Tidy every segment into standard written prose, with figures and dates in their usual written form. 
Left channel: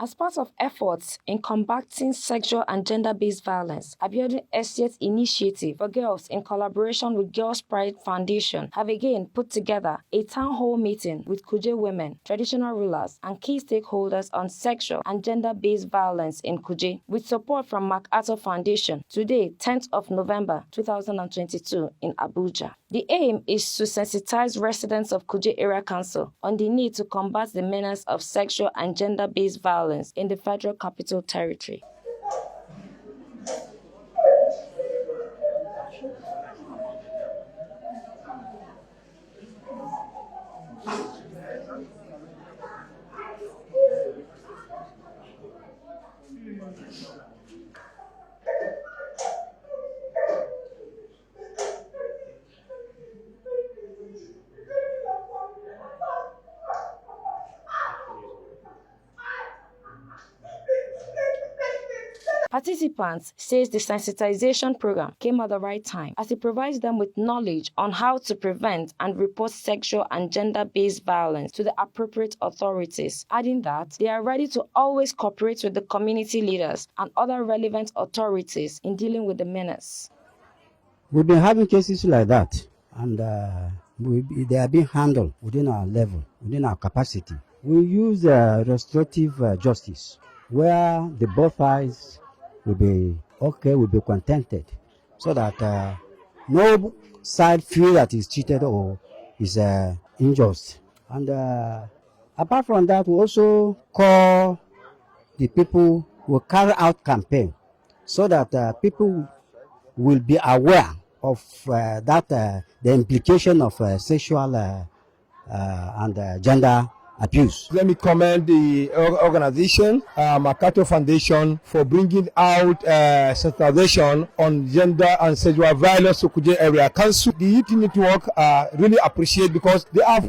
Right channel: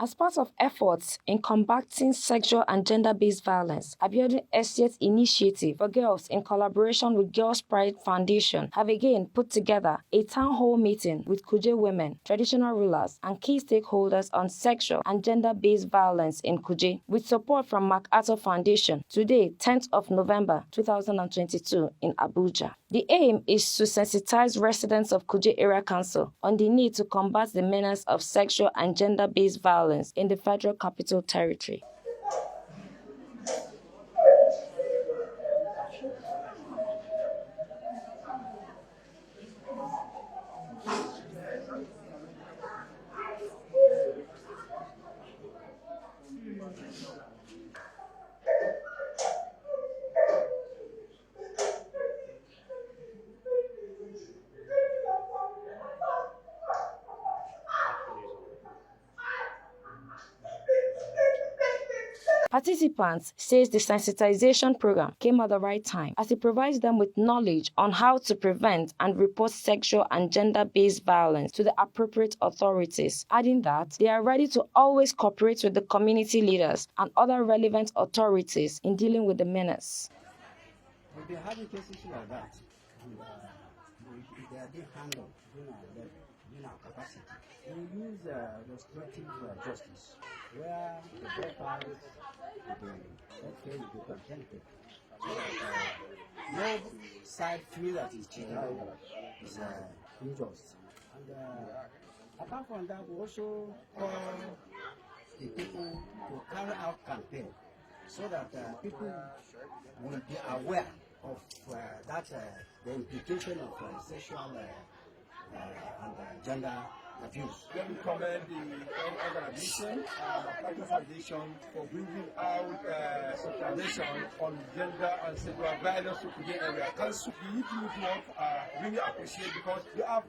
As part of efforts in combating sexual and gender-based violence, Abiodun Estate's initiative for girls in collaboration with Girls Pride Foundation have again put together a town hall meeting with Kuje women, traditional rulers, and key stakeholders on sexual and gender-based violence in Kuje, with support from MacArthur Foundation, today, 10th of November 2022 in Abuja. The aim is to sensitize residents of Kuje Area Council on the need to combat the menace of sexual and gender-based violence in the Federal Capital Territory. Participants says the sensitization program came at the right time as it provides them with knowledge on how to prevent and report sexual and gender-based violence to the appropriate authorities, adding that they are ready to always cooperate with the community leaders and other relevant authorities in dealing with the menace. We've been having cases like that, and they are being handled within our level, within our capacity. We use restorative justice, where the both sides will be okay, will be contented, so that no side feel that is cheated or is unjust. And apart from that, we also call the people who carry out campaign, so that people will be aware of the implication of sexual and gender abuse. Let me commend the organization, MacArthur Foundation, for bringing out sensitization on gender and sexual violence to Kuje Area Council. The Youth Network really appreciate, because they are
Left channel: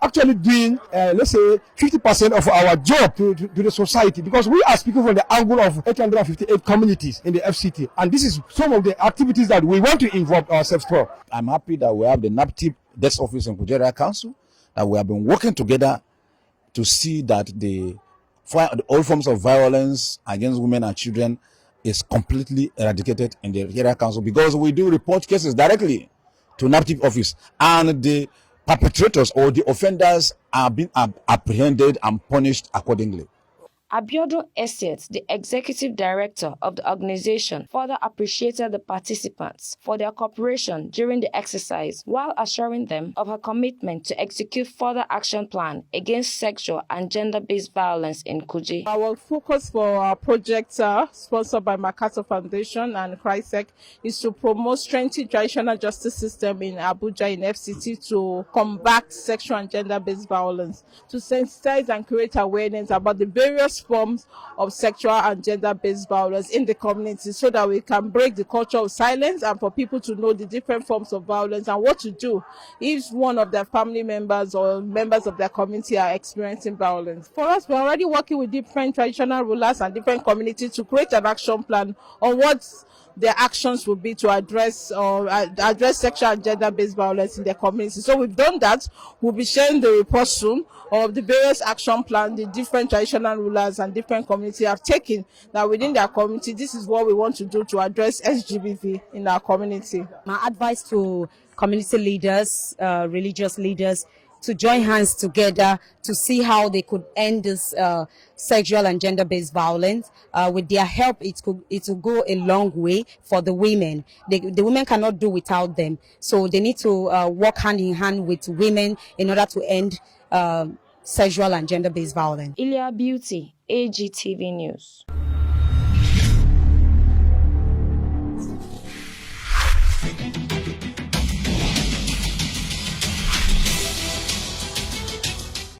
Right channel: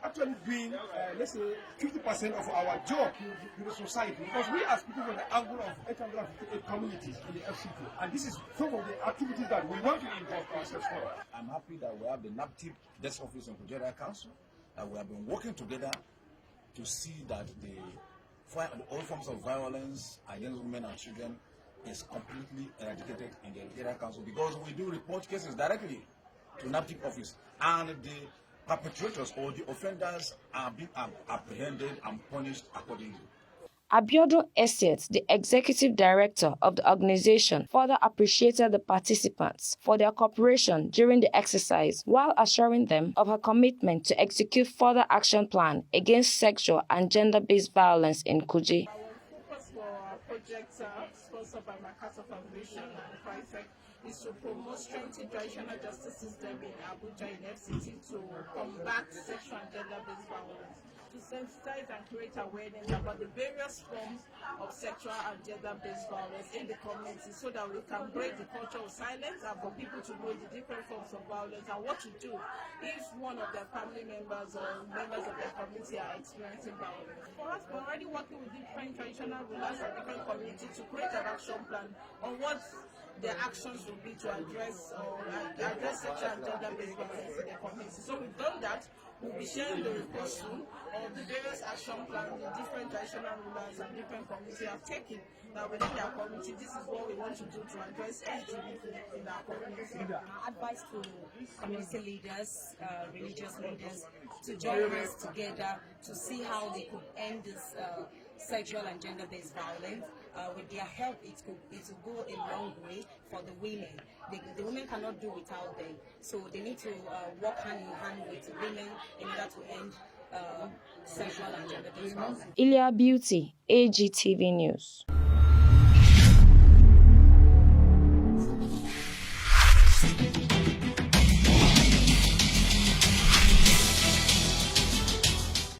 actually doing, let's say, 50% of our job to the society, because we are speaking from the angle of 858 communities in the FCT, and this is some of the activities that we want to involve ourselves for. I'm happy that we have the NAPTIP desk office in Kuje Area Council, that we have been working together to see that all forms of violence against women and children is completely eradicated in the area council, because we do report cases directly to NAPTIP office, and the perpetrators or the offenders are being apprehended and punished accordingly. Abiodun Estate, the executive director of the organization, further appreciated the participants for their cooperation during the exercise, while assuring them of her commitment to execute further action plan against sexual and gender-based violence in Kuje. Our focus for our project, sponsored by MacArthur Foundation and CRISEC, is to promote strengthening traditional justice system in Abuja in FCT to combat sexual and gender-based violence, to sensitize and create awareness about the various forms of sexual and gender-based violence in the community, so that we can break the culture of silence and for people to know the different forms of violence and what to do if one of their family members or members of their community are experiencing violence. For us, we're already working with different traditional rulers and different communities to create an action plan on what their actions will be to address sexual and gender-based violence in their community. So we've done that. We'll be sharing the report soon of the various action plans the different traditional rulers and different communities have taken, that within their community, this is what we want to do to address Sgbv in our community. My advice to community leaders, religious leaders, to join hands together to see how they could end this sexual and gender-based violence. With their help, it will go a long way for the women. The women cannot do without them. So they need to work hand in hand with women in order to end sexual and gender-based violence. Ilya Beauty, AGTV News.